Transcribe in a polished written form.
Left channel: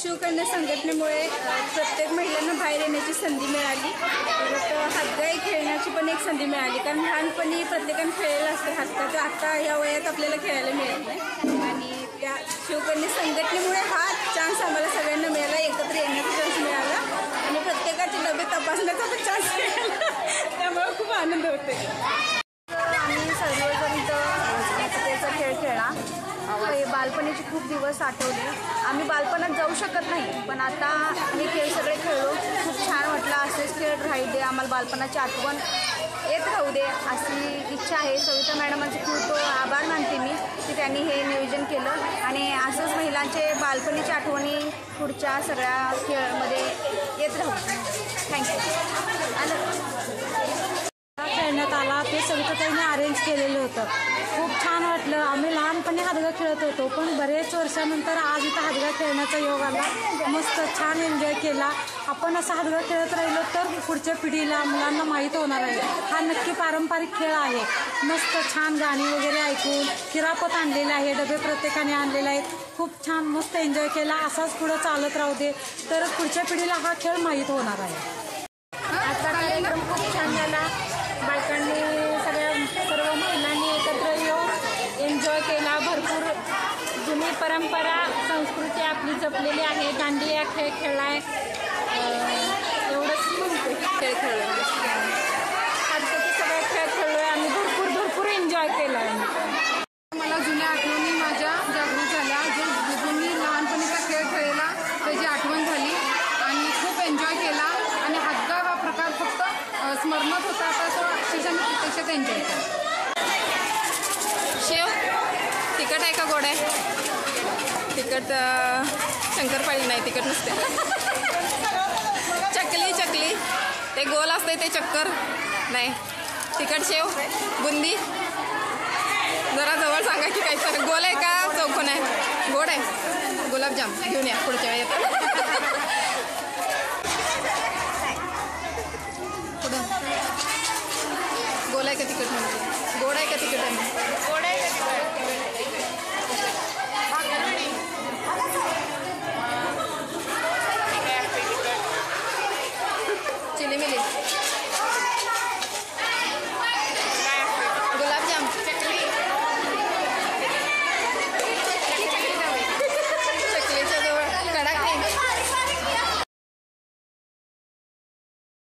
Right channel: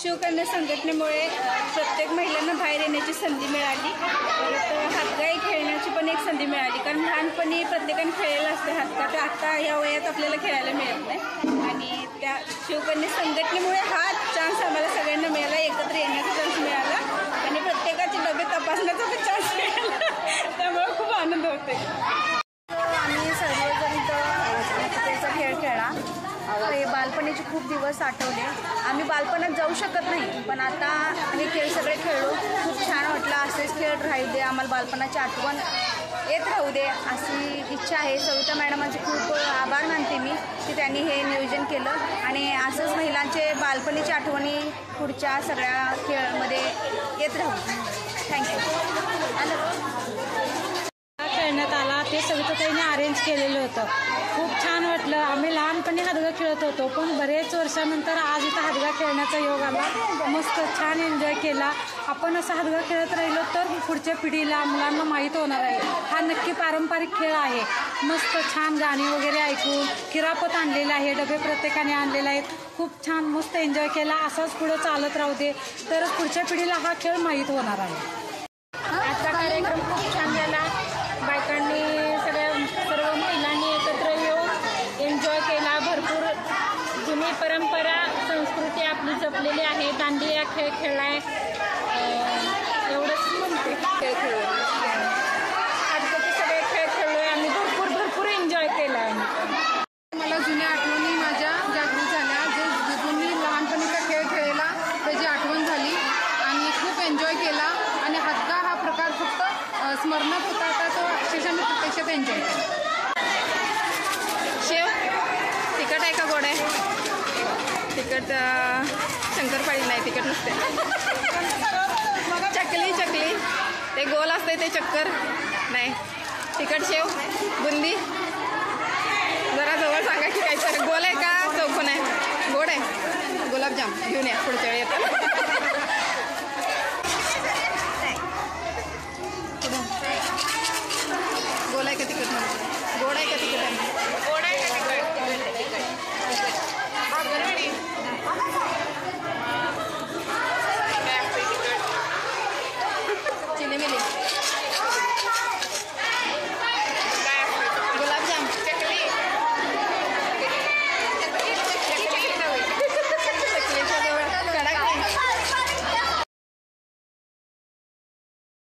शिवकन्या संघटनेमुळे प्रत्येक महिलांना बाहेर येण्याची संधी मिळाली। परत हातगाई खेळण्याची पण एक संधी मिळाली, कारण लहानपणी प्रत्येकाने खेळलेलं असतं हातगा, तर आता या वयात आपल्याला खेळायला मिळत नाही। आणि त्या शिवकन्या संघटनेमुळे हा चान्स आम्हाला सगळ्यांना मिळाला, एकत्र येण्याचा चान्स मिळाला आणि प्रत्येकाचे डबे तपासण्याचा पण चान्स मिळाला, त्यामुळे खूप आनंद होते। आम्ही सर्वजण इथं खेळ खेळला। हे बालपणीचे खूप दिवस आठवले। आम्ही बालपणात जाऊ शकत नाही, पण आता हे खेळ सगळे खेळलो, खूप छान वाटलं। असेच खेळ राहू दे, आम्हाला बालपणाची आठवण येत राहू दे अशी इच्छा आहे। सविता मॅडमांचे खूप आभार मानते मी की त्यांनी हे नियोजन केलं आणि असंच महिलांचे बालपणीच्या आठवणी पुढच्या सगळ्या खेळामध्ये येत राहू। थँक्यू। खेळण्यात आला ते सविताताईंनी अरेंज केलेलं होतं, खूप छान वाटलं। आम्ही लहानपणी हातगा खेळत होतो, पण बरेच वर्षानंतर आज इथं हातगा खेळण्याचा योग आला, मस्त छान एन्जॉय केला। आपण असं हातगा खेळत राहिलो तर पुढच्या पिढीला मुलांना माहीत होणार आहे हा नक्की पारंपरिक खेळ आहे। मस्त छान गाणी वगैरे ऐकून किरापत आणलेले आहे, डबे प्रत्येकाने आणलेले आहेत, खूप छान मस्त एन्जॉय केला। असाच पुढे चालत राहू दे, तरच पुढच्या पिढीला हा खेळ माहीत होणार आहे। आजचा कार्यक्रम खूप छान झाला, बायकांनी सर्व महिलांनी एकत्र येऊन एन्जॉय केला। भरपूर जुनी परंपरा संस्कृती आपली जपलेली आहे। दांडिया खेळ खेळलाय, एवढंच म्हणते। खेळ खेळलो, आजचे सगळे खेळ खेळलोय आम्ही, भरपूर एन्जॉय केलाय। मला जुन्या आठवणी माझ्या जागृत झाल्या, जो जुनी लहानपणीचा खेळ खेळला त्याची आठवण झाली। प्रकार फक्त स्मरणात होता, आता तो अक्षरशः मी प्रत्यक्षात एन्जॉय केला. शेव तिखट आहे का गोड आहे? तिखट शंकरपाळी नाही, तिखट नसते. चकली चकली ते गोल असते ते चक्कर नाही. तिखट शेव बुंदी जरा जवळ सांगा की काहीतरी. गोल आहे का चौकोन आहे? गोड आहे. गुलाबजाम घेऊन या पुढच्या वेळी येतं. गोल आहे का तिखट? म्हणलं गोड आहे का तिखट आहे? गोड आहे.